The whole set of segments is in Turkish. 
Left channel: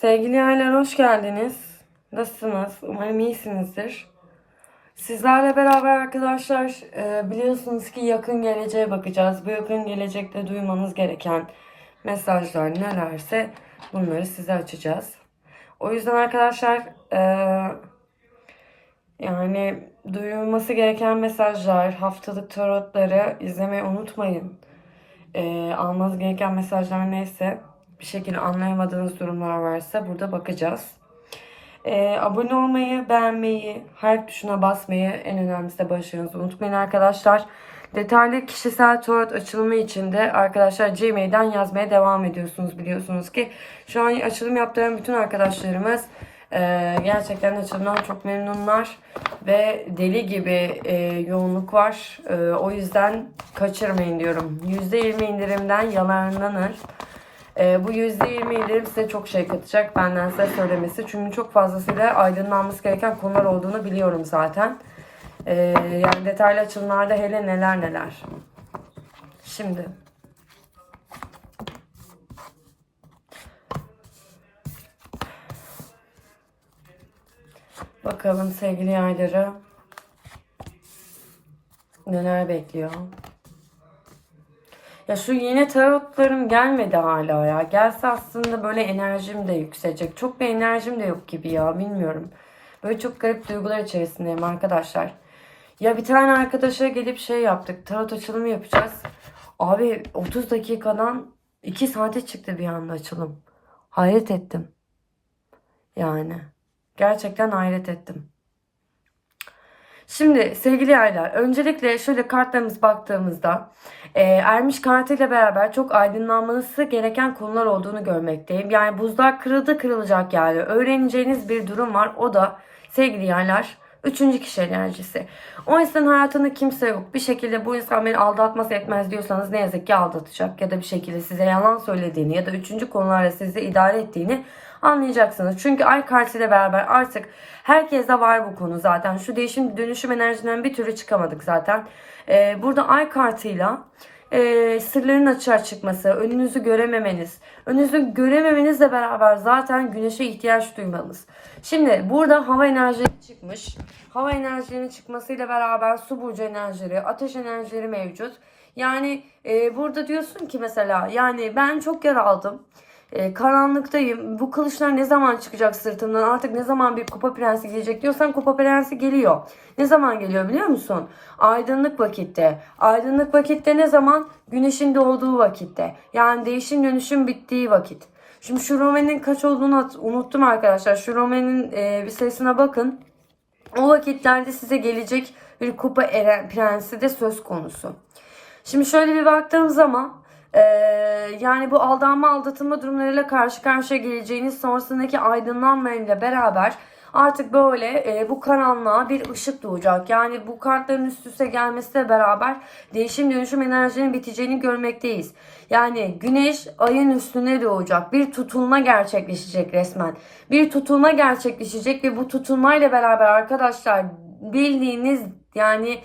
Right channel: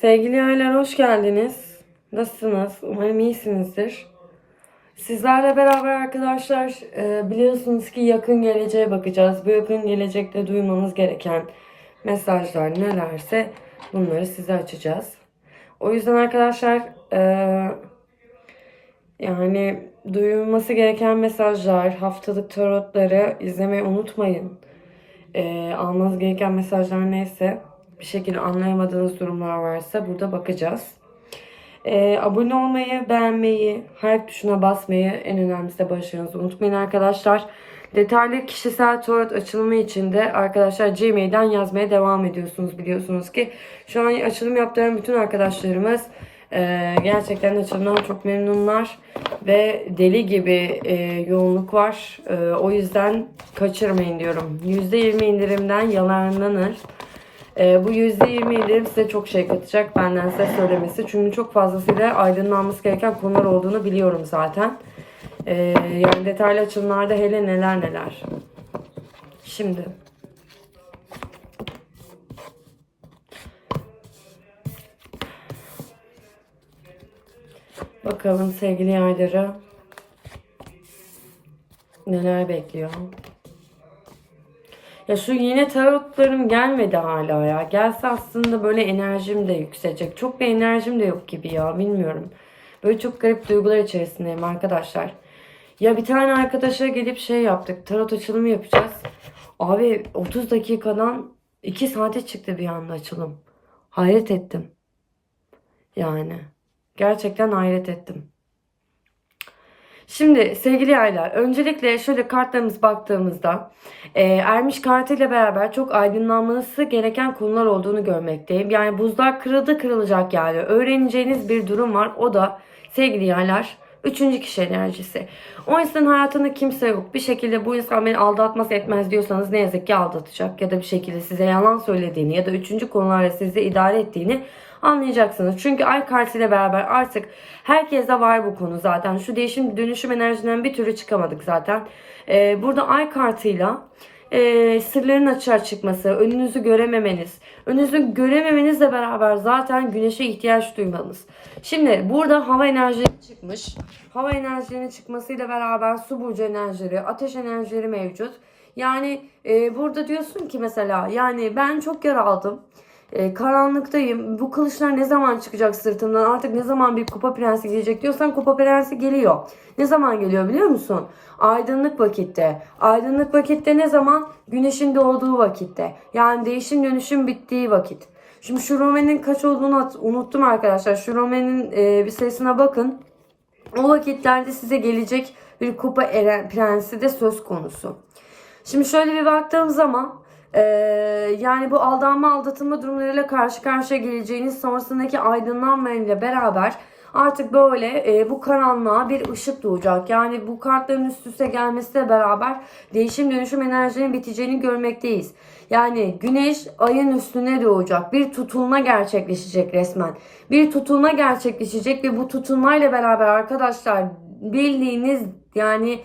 Sevgili yaylar hoş geldiniz. Nasılsınız? Umarım iyisinizdir. Sizlerle beraber arkadaşlar e, biliyorsunuz ki yakın geleceğe bakacağız. Bu yakın gelecekte duymanız gereken mesajlar nelerse bunları size açacağız. O yüzden arkadaşlar e, yani duyulması gereken mesajlar, haftalık tarotları izlemeyi unutmayın. E, almanız gereken mesajlar neyse bir şekilde anlayamadığınız durumlar varsa burada bakacağız. Ee, abone olmayı, beğenmeyi, harf tuşuna basmayı en önemlisi de başarınızı unutmayın arkadaşlar. Detaylı kişisel tarot açılımı için de arkadaşlar Gmail'den yazmaya devam ediyorsunuz biliyorsunuz ki. Şu an açılım yaptığım bütün arkadaşlarımız e, gerçekten açılımdan çok memnunlar. Ve deli gibi e, yoğunluk var. E, o yüzden kaçırmayın diyorum. %20 indirimden yalanlanır. Ee, bu %20 indirim size çok şey katacak benden size söylemesi. Çünkü çok fazlasıyla aydınlanması gereken konular olduğunu biliyorum zaten. Ee, yani detaylı açılımlarda hele neler neler. Şimdi. Bakalım sevgili yayları neler bekliyor. Ya şu yine tarotlarım gelmedi hala ya. Gelse aslında böyle enerjim de yükselecek. Çok bir enerjim de yok gibi ya bilmiyorum. Böyle çok garip duygular içerisindeyim arkadaşlar. Ya bir tane arkadaşa gelip şey yaptık. Tarot açılımı yapacağız. Abi 30 dakikadan 2 saate çıktı bir anda açılım. Hayret ettim. Yani. Gerçekten hayret ettim. Şimdi sevgili yaylar, öncelikle şöyle kartlarımız baktığımızda e, Ermiş kartıyla beraber çok aydınlanması gereken konular olduğunu görmekteyim. Yani buzlar kırıldı kırılacak yani. Öğreneceğiniz bir durum var. O da sevgili yaylar, üçüncü kişi enerjisi. O insanın hayatında kimse yok. Bir şekilde bu insan beni aldatmaz etmez diyorsanız ne yazık ki aldatacak. Ya da bir şekilde size yalan söylediğini ya da üçüncü konularla sizi idare ettiğini anlayacaksınız. Çünkü ay kartıyla beraber artık herkeste var bu konu zaten. Şu değişim dönüşüm enerjisinden bir türlü çıkamadık zaten. Ee, burada ay kartıyla e, sırların açığa çıkması, önünüzü görememeniz, önünüzü görememenizle beraber zaten güneşe ihtiyaç duymanız. Şimdi burada hava enerjileri çıkmış. Hava enerjilerinin çıkmasıyla beraber su burcu enerjileri, ateş enerjileri mevcut. Yani e, burada diyorsun ki mesela yani ben çok yer aldım. E, karanlıktayım. Bu kılıçlar ne zaman çıkacak sırtımdan? Artık ne zaman bir kupa prensi gelecek diyorsan kupa prensi geliyor. Ne zaman geliyor biliyor musun? Aydınlık vakitte. Aydınlık vakitte ne zaman? Güneşin doğduğu vakitte. Yani değişim dönüşüm bittiği vakit. Şimdi şu Rome'nin kaç olduğunu unuttum arkadaşlar. Şu Rome'nin e, bir sayısına bakın. O vakitlerde size gelecek bir kupa eren prensi de söz konusu. Şimdi şöyle bir baktığım zaman ee, yani bu aldanma aldatılma durumlarıyla karşı karşıya geleceğiniz sonrasındaki aydınlanmayla beraber artık böyle e, bu karanlığa bir ışık doğacak. Yani bu kartların üst üste gelmesiyle beraber değişim dönüşüm enerjinin biteceğini görmekteyiz. Yani güneş ayın üstüne doğacak. Bir tutulma gerçekleşecek resmen. Bir tutulma gerçekleşecek ve bu tutulmayla beraber arkadaşlar bildiğiniz yani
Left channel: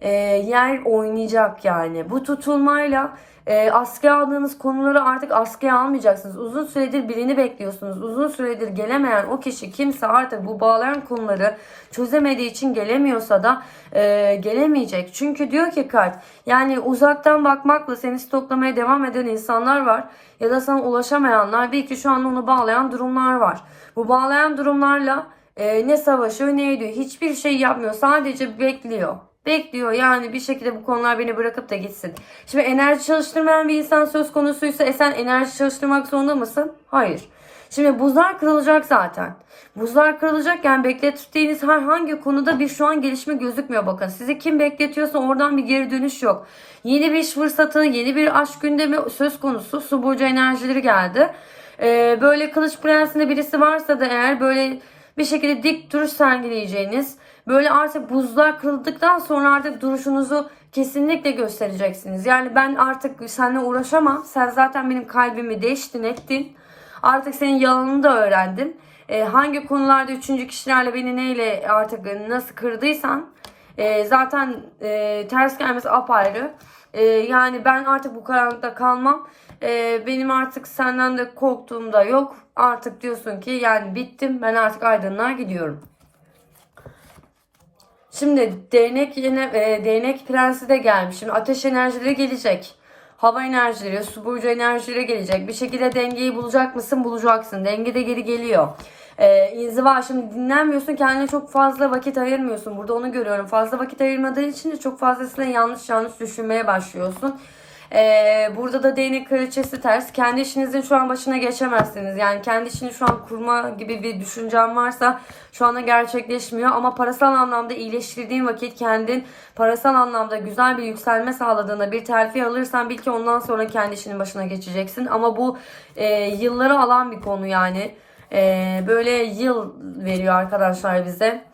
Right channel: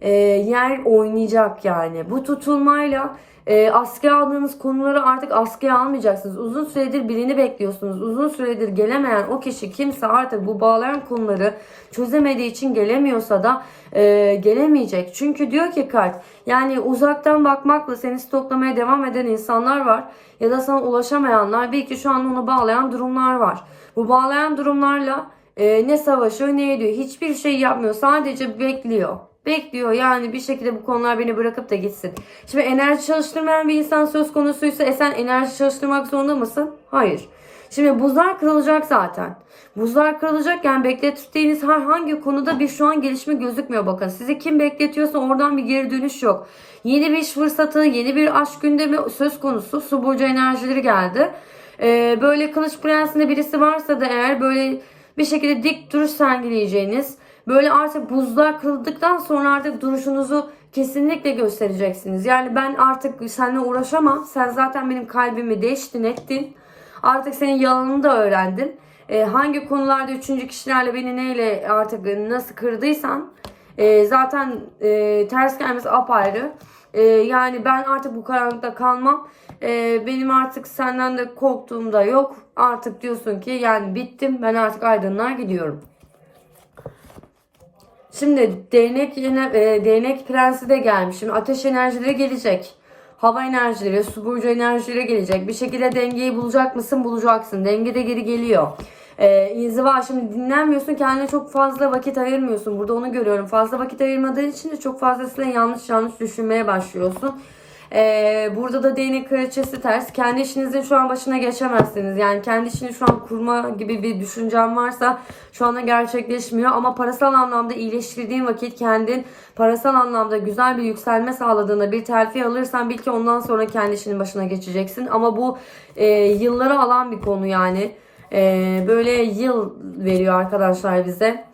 e, yer oynayacak yani. Bu tutulmayla e, askıya aldığınız konuları artık askıya almayacaksınız. Uzun süredir birini bekliyorsunuz. Uzun süredir gelemeyen o kişi kimse artık bu bağlayan konuları çözemediği için gelemiyorsa da e, gelemeyecek. Çünkü diyor ki kart yani uzaktan bakmakla seni stoklamaya devam eden insanlar var. Ya da sana ulaşamayanlar belki şu an onu bağlayan durumlar var. Bu bağlayan durumlarla e, ne savaşıyor ne ediyor. Hiçbir şey yapmıyor. Sadece bekliyor bekliyor. Yani bir şekilde bu konular beni bırakıp da gitsin. Şimdi enerji çalıştırmayan bir insan söz konusuysa e sen enerji çalıştırmak zorunda mısın? Hayır. Şimdi buzlar kırılacak zaten. Buzlar kırılacakken beklettiğiniz herhangi konuda bir şu an gelişme gözükmüyor bakın. Sizi kim bekletiyorsa oradan bir geri dönüş yok. Yeni bir iş fırsatı, yeni bir aşk gündemi söz konusu. Su burcu enerjileri geldi. Ee, böyle kılıç prensinde birisi varsa da eğer böyle bir şekilde dik duruş sergileyeceğiniz, Böyle artık buzlar kırıldıktan sonra artık duruşunuzu kesinlikle göstereceksiniz. Yani ben artık seninle uğraşamam. Sen zaten benim kalbimi değiştin ettin. Artık senin yalanını da öğrendim. Ee, hangi konularda üçüncü kişilerle beni neyle artık nasıl kırdıysan e, zaten e, ters gelmesi apayrı. E, yani ben artık bu karanlıkta kalmam. Ee, benim artık senden de korktuğum da yok. Artık diyorsun ki yani bittim ben artık aydınlığa gidiyorum. Şimdi değnek yine e, değnek prensi de gelmiş. Şimdi ateş enerjileri gelecek. Hava enerjileri, su burcu enerjileri gelecek. Bir şekilde dengeyi bulacak mısın? Bulacaksın. Denge de geri geliyor. Ee, inziva şimdi dinlenmiyorsun kendine çok fazla vakit ayırmıyorsun. Burada onu görüyorum. Fazla vakit ayırmadığın için de çok fazlasıyla yanlış yanlış düşünmeye başlıyorsun. Ee, burada da değnek kraliçesi ters. Kendi işinizin şu an başına geçemezsiniz. Yani kendi işini şu an kurma gibi bir düşüncen varsa şu anda gerçekleşmiyor. Ama parasal anlamda iyileştirdiğin vakit kendin parasal anlamda güzel bir yükselme sağladığında bir terfi alırsan bil ki ondan sonra kendi işinin başına geçeceksin. Ama bu e, yılları alan bir konu yani. E, böyle yıl veriyor arkadaşlar bize.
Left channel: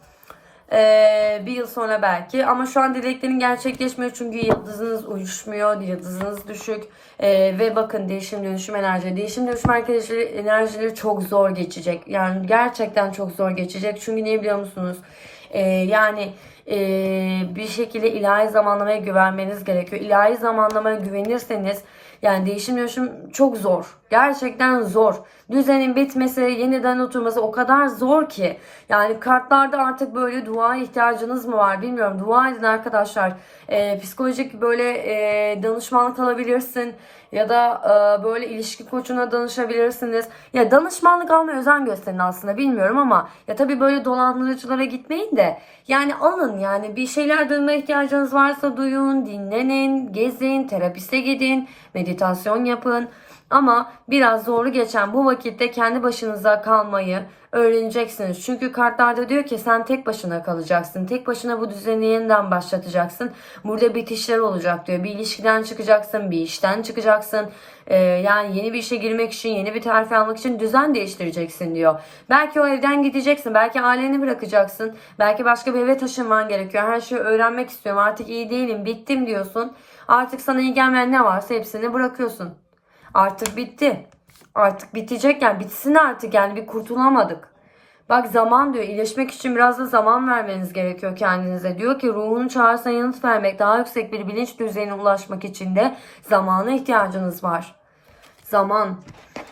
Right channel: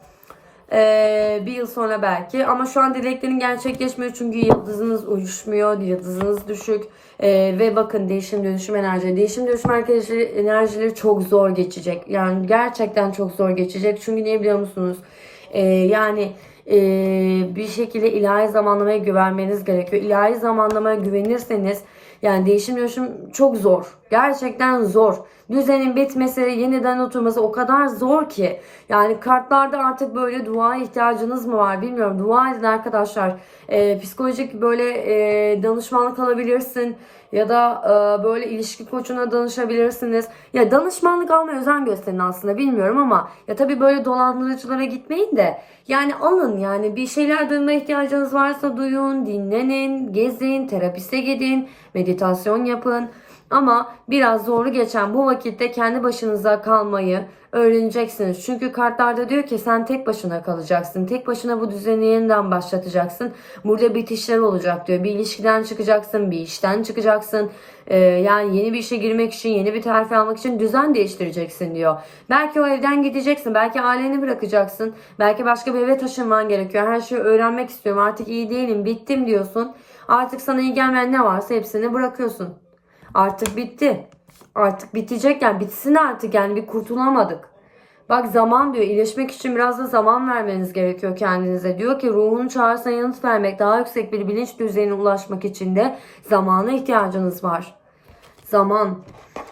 Ee, bir yıl sonra belki. Ama şu an dileklerin gerçekleşmiyor çünkü yıldızınız uyuşmuyor, yıldızınız düşük. Ee, ve bakın değişim dönüşüm enerjileri, değişim dönüşüm enerjileri, enerjileri çok zor geçecek. Yani gerçekten çok zor geçecek. Çünkü ne biliyor musunuz? Ee, yani e, bir şekilde ilahi zamanlamaya güvenmeniz gerekiyor. İlahi zamanlamaya güvenirseniz yani değişim dönüşüm çok zor. Gerçekten zor. Düzenin bitmesi, yeniden oturması o kadar zor ki. Yani kartlarda artık böyle dua ihtiyacınız mı var bilmiyorum. Dua edin arkadaşlar. Ee, psikolojik böyle e, danışmanlık alabilirsin. Ya da e, böyle ilişki koçuna danışabilirsiniz. Ya danışmanlık almaya özen gösterin aslında bilmiyorum ama ya tabii böyle dolandırıcılara gitmeyin de yani alın yani bir şeyler duymaya ihtiyacınız varsa duyun, dinlenin, gezin, terapiste gidin, meditasyon yapın. Ama biraz zorlu geçen bu vakitte kendi başınıza kalmayı öğreneceksiniz. Çünkü kartlarda diyor ki sen tek başına kalacaksın. Tek başına bu düzeni yeniden başlatacaksın. Burada bitişler olacak diyor. Bir ilişkiden çıkacaksın, bir işten çıkacaksın. Ee, yani yeni bir işe girmek için, yeni bir terfi almak için düzen değiştireceksin diyor. Belki o evden gideceksin, belki aileni bırakacaksın. Belki başka bir eve taşınman gerekiyor. Her şeyi öğrenmek istiyorum. Artık iyi değilim, bittim diyorsun. Artık sana iyi gelmeyen ne varsa hepsini bırakıyorsun. Artık bitti. Artık bitecek yani bitsin artık yani bir kurtulamadık. Bak zaman diyor iyileşmek için biraz da zaman vermeniz gerekiyor kendinize. Diyor ki ruhun çağrısına yanıt vermek daha yüksek bir bilinç düzeyine ulaşmak için de zamana ihtiyacınız var. Zaman.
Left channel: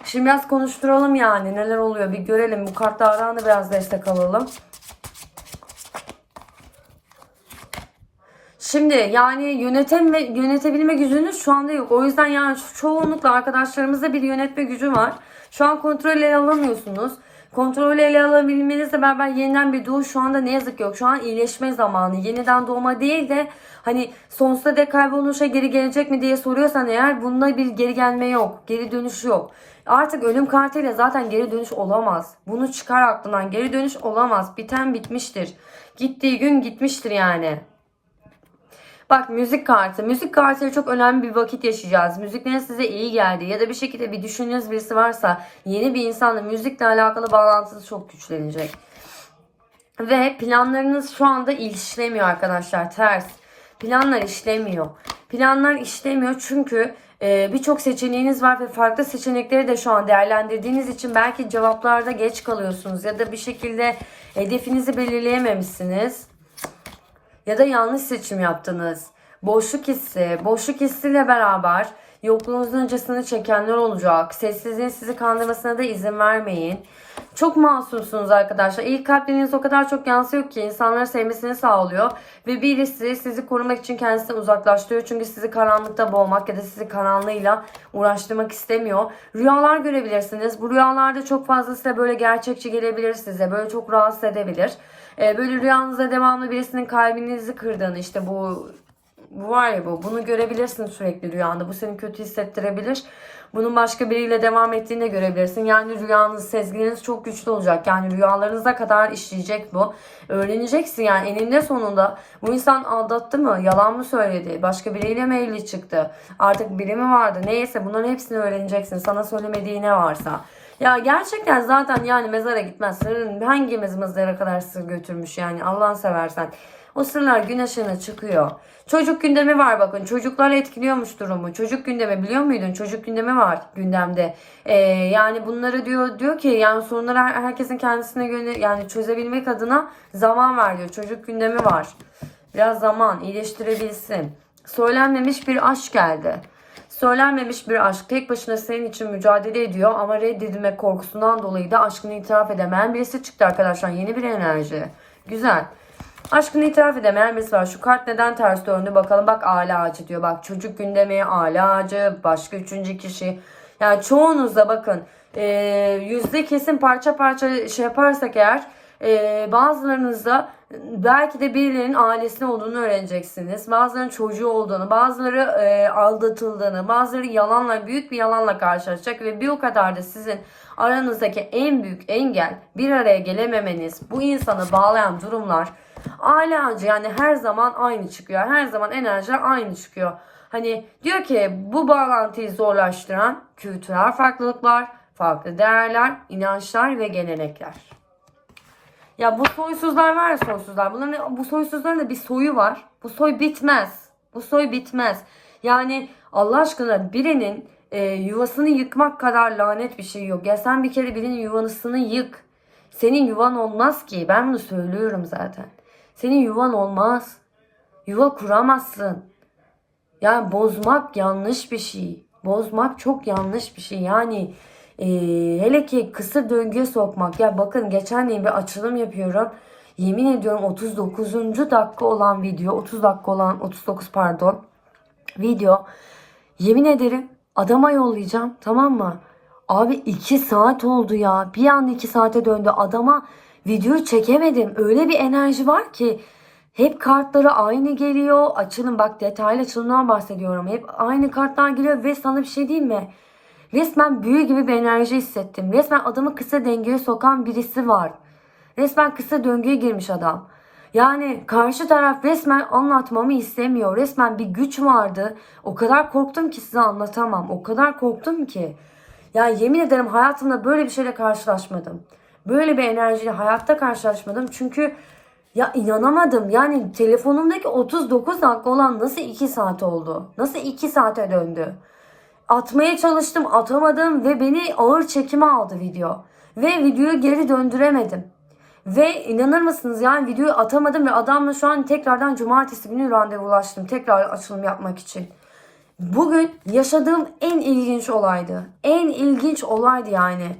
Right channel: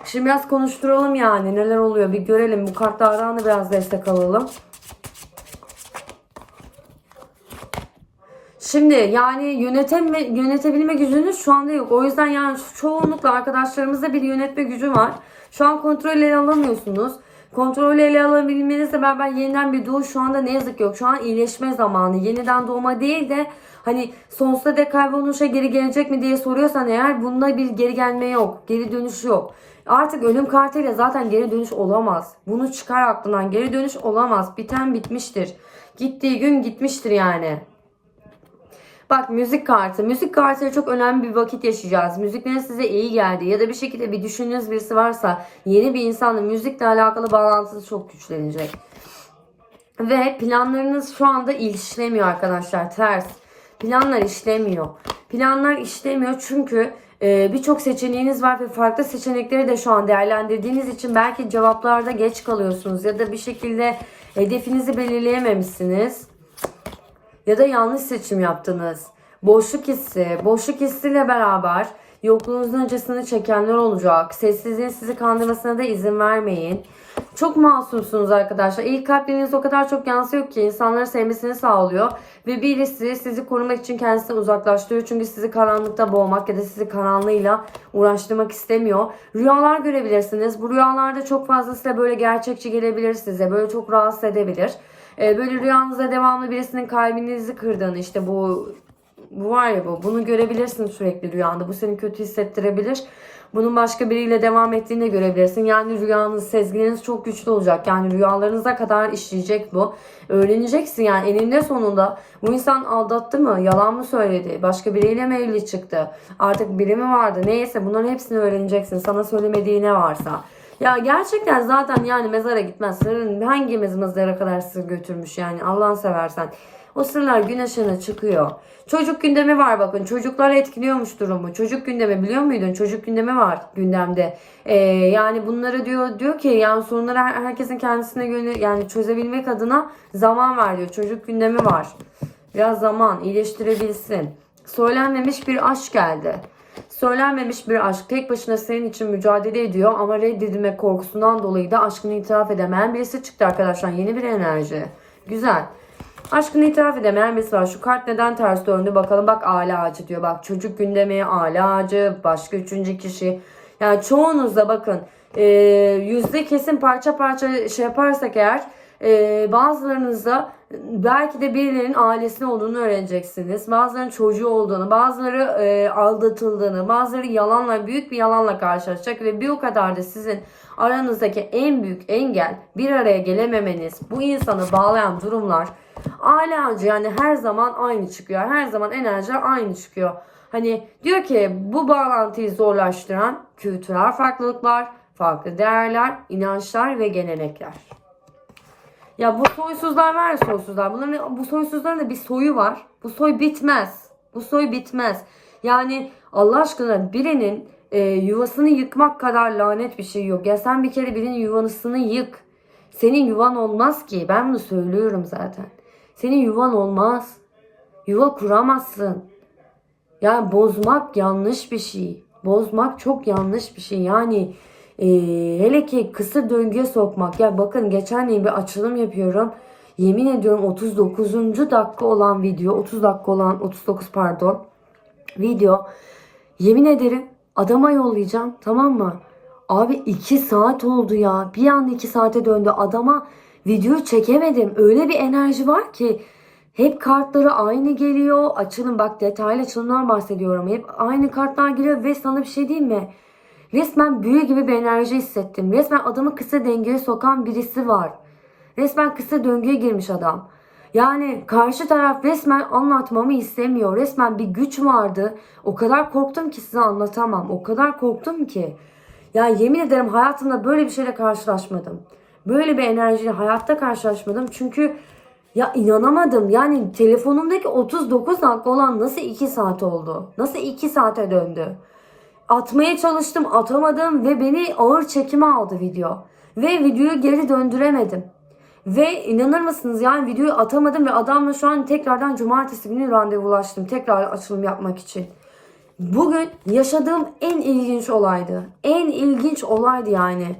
Şimdi biraz konuşturalım yani neler oluyor bir görelim. Bu kartlardan da biraz destek alalım. Şimdi yani yönetem ve yönetebilme gücünüz şu anda yok. O yüzden yani çoğunlukla arkadaşlarımızda bir yönetme gücü var. Şu an kontrol ele alamıyorsunuz. Kontrol ele alabilmenizle beraber yeniden bir doğuş şu anda ne yazık ki yok. Şu an iyileşme zamanı. Yeniden doğma değil de hani sonsuza dek kayboluşa geri gelecek mi diye soruyorsan eğer bunda bir geri gelme yok. Geri dönüş yok. Artık ölüm kartıyla zaten geri dönüş olamaz. Bunu çıkar aklından. Geri dönüş olamaz. Biten bitmiştir. Gittiği gün gitmiştir yani. Bak müzik kartı. Müzik kartıyla çok önemli bir vakit yaşayacağız. Müziklerin size iyi geldi ya da bir şekilde bir düşündüğünüz birisi varsa yeni bir insanla müzikle alakalı bağlantısı çok güçlenecek. Ve planlarınız şu anda işlemiyor arkadaşlar. Ters. Planlar işlemiyor. Planlar işlemiyor çünkü e, birçok seçeneğiniz var ve farklı seçenekleri de şu an değerlendirdiğiniz için belki cevaplarda geç kalıyorsunuz ya da bir şekilde hedefinizi belirleyememişsiniz ya da yanlış seçim yaptınız. Boşluk hissi, boşluk hissiyle beraber yokluğunuzun öncesini çekenler olacak. Sessizliğin sizi kandırmasına da izin vermeyin. Çok masumsunuz arkadaşlar. İlk kalpleriniz o kadar çok yansıyor ki insanları sevmesini sağlıyor. Ve birisi sizi korumak için kendisini uzaklaştırıyor. Çünkü sizi karanlıkta boğmak ya da sizi karanlığıyla uğraştırmak istemiyor. Rüyalar görebilirsiniz. Bu rüyalarda çok fazla size böyle gerçekçi gelebilir size. Böyle çok rahatsız edebilir. Ee, böyle rüyanızda devamlı birisinin kalbinizi kırdığını işte bu bu var ya bu. Bunu görebilirsin sürekli rüyanda. Bu seni kötü hissettirebilir. Bunun başka biriyle devam ettiğini de görebilirsin. Yani rüyanız, sezginiz çok güçlü olacak. Yani rüyalarınıza kadar işleyecek bu. Öğreneceksin yani eninde sonunda bu insan aldattı mı? Yalan mı söyledi? Başka biriyle mi evli çıktı? Artık biri mi vardı? Neyse bunların hepsini öğreneceksin. Sana söylemediği ne varsa. Ya gerçekten zaten yani mezara gitmez. Senin hangimiz mezara kadar sır götürmüş yani Allah'ını seversen. O sırlar gün ışığına çıkıyor. Çocuk gündemi var bakın. Çocuklar etkiliyormuş durumu. Çocuk gündemi biliyor muydun? Çocuk gündemi var gündemde. Ee, yani bunları diyor diyor ki yani sorunları her- herkesin kendisine göre yani çözebilmek adına zaman var diyor. Çocuk gündemi var. Biraz zaman iyileştirebilsin. Söylenmemiş bir aşk geldi. Söylenmemiş bir aşk tek başına senin için mücadele ediyor ama reddedilme korkusundan dolayı da aşkını itiraf edemeyen birisi çıktı arkadaşlar. Yeni bir enerji. Güzel. Aşkını itiraf edemeyen birisi var. Şu kart neden ters döndü bakalım. Bak aile ağacı diyor. Bak çocuk gündemi, aile ağacı, başka üçüncü kişi. Yani çoğunuzda bakın e, yüzde kesin parça parça şey yaparsak eğer e, bazılarınızda belki de birilerinin ailesine olduğunu öğreneceksiniz. Bazılarının çocuğu olduğunu, bazıları e, aldatıldığını, bazıları yalanla, büyük bir yalanla karşılaşacak ve bir o kadar da sizin aranızdaki en büyük engel bir araya gelememeniz, bu insanı bağlayan durumlar aile ağacı yani her zaman aynı çıkıyor. Her zaman enerjiler aynı çıkıyor. Hani diyor ki bu bağlantıyı zorlaştıran kültürel farklılıklar, farklı değerler, inançlar ve gelenekler. Ya bu soysuzlar var ya soysuzlar. Bunların, bu soysuzların da bir soyu var. Bu soy bitmez. Bu soy bitmez. Yani Allah aşkına birinin e, yuvasını yıkmak kadar lanet bir şey yok. Ya sen bir kere birinin yuvasını yık. Senin yuvan olmaz ki. Ben bunu söylüyorum zaten. Senin yuvan olmaz. Yuva kuramazsın. Yani bozmak yanlış bir şey. Bozmak çok yanlış bir şey. Yani e, hele ki kısır döngüye sokmak. Ya bakın geçen gün bir açılım yapıyorum. Yemin ediyorum 39. dakika olan video, 30 dakika olan 39 pardon video. Yemin ederim adama yollayacağım tamam mı? Abi 2 saat oldu ya. Bir anda 2 saate döndü. Adama video çekemedim. Öyle bir enerji var ki hep kartları aynı geliyor. Açılım bak detaylı açılımdan bahsediyorum. Hep aynı kartlar geliyor ve sana bir şey diyeyim mi? Resmen büyü gibi bir enerji hissettim. Resmen adamı kısa dengeye sokan birisi var. Resmen kısa döngüye girmiş adam. Yani karşı taraf resmen anlatmamı istemiyor. Resmen bir güç vardı. O kadar korktum ki size anlatamam. O kadar korktum ki. Ya yemin ederim hayatımda böyle bir şeyle karşılaşmadım. Böyle bir enerjiyle hayatta karşılaşmadım. Çünkü ya inanamadım. Yani telefonumdaki 39 dakika olan nasıl 2 saat oldu? Nasıl 2 saate döndü? Atmaya çalıştım atamadım ve beni ağır çekime aldı video. Ve videoyu geri döndüremedim. Ve inanır mısınız yani videoyu atamadım ve adamla şu an tekrardan cumartesi günü randevulaştım. Tekrar açılım yapmak için. Bugün yaşadığım en ilginç olaydı. En ilginç olaydı yani.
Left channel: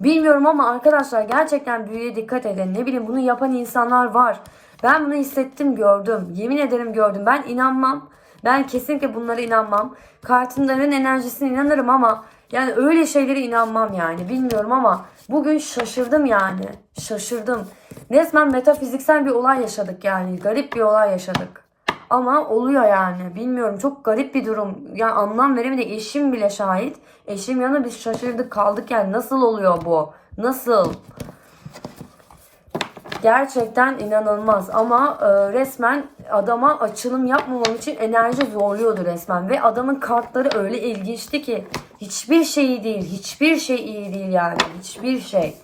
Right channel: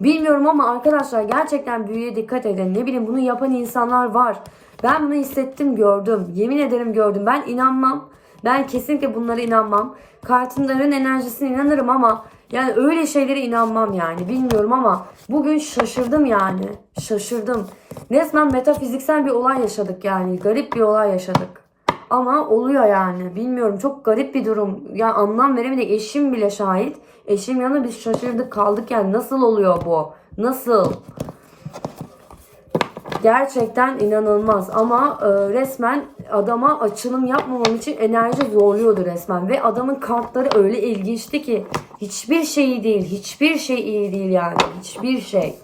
Bilmiyorum ama arkadaşlar gerçekten büyüye dikkat edin. Ne bileyim bunu yapan insanlar var. Ben bunu hissettim gördüm. Yemin ederim gördüm. Ben inanmam. Ben kesinlikle bunlara inanmam. Kartınların enerjisine inanırım ama yani öyle şeylere inanmam yani. Bilmiyorum ama bugün şaşırdım yani. Şaşırdım. Resmen metafiziksel bir olay yaşadık yani. Garip bir olay yaşadık. Ama oluyor yani. Bilmiyorum çok garip bir durum. Ya anlam veremedik. Eşim bile şahit. Eşim yanında biz şaşırdık kaldık yani. Nasıl oluyor bu? Nasıl? Gerçekten inanılmaz ama e, resmen adama açılım yapmamam için enerji zorluyordu resmen ve adamın kartları öyle ilginçti ki hiçbir şey değil, hiçbir şey iyi değil yani, hiçbir şey.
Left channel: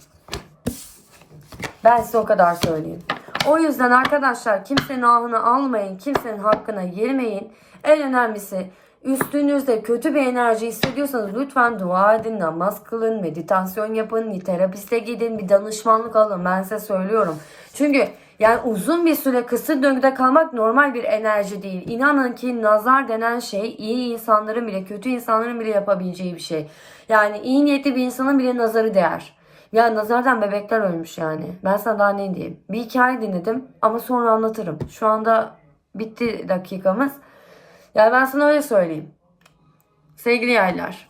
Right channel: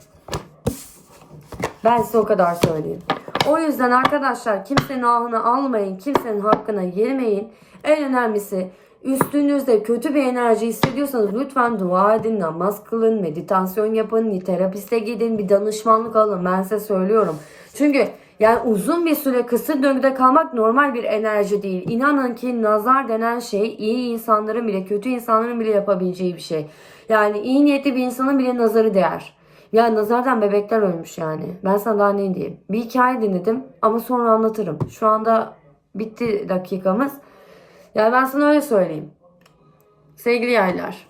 Ben size o kadar söyleyeyim. O yüzden arkadaşlar kimsenin ahını almayın, kimsenin hakkına girmeyin. En önemlisi üstünüzde kötü bir enerji hissediyorsanız lütfen dua edin, namaz kılın, meditasyon yapın, bir terapiste gidin, bir danışmanlık alın. Ben size söylüyorum. Çünkü yani uzun bir süre kısır döngüde kalmak normal bir enerji değil. İnanın ki nazar denen şey iyi insanların bile kötü insanların bile yapabileceği bir şey. Yani iyi niyetli bir insanın bile nazarı değer. Ya nazardan bebekler ölmüş yani. Ben sana daha ne diyeyim. Bir hikaye dinledim ama sonra anlatırım. Şu anda bitti dakikamız. Yani ben sana öyle söyleyeyim. Sevgili yaylar.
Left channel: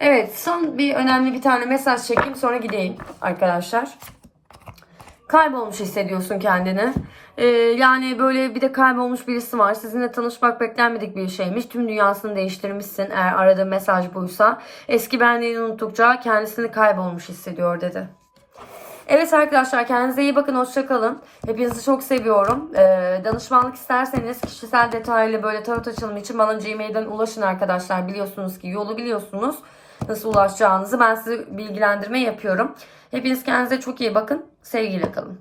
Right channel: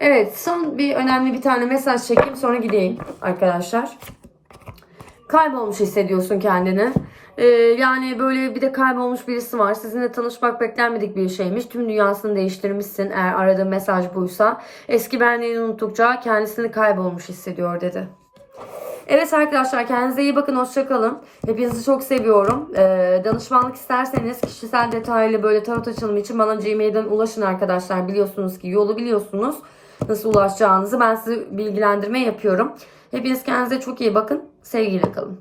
Evet son bir önemli bir tane mesaj çekeyim sonra gideyim arkadaşlar. Kaybolmuş hissediyorsun kendini. Ee, yani böyle bir de kaybolmuş birisi var. Sizinle tanışmak beklenmedik bir şeymiş. Tüm dünyasını değiştirmişsin eğer aradığın mesaj buysa. Eski benliğini unuttukça kendisini kaybolmuş hissediyor dedi. Evet arkadaşlar kendinize iyi bakın. Hoşçakalın. Hepinizi çok seviyorum. Ee, danışmanlık isterseniz kişisel detaylı böyle tarot açılımı için bana Gmail'den ulaşın arkadaşlar. Biliyorsunuz ki yolu biliyorsunuz. Nasıl ulaşacağınızı ben sizi bilgilendirme yapıyorum. Hepiniz kendinize çok iyi bakın. Sevgiyle kalın.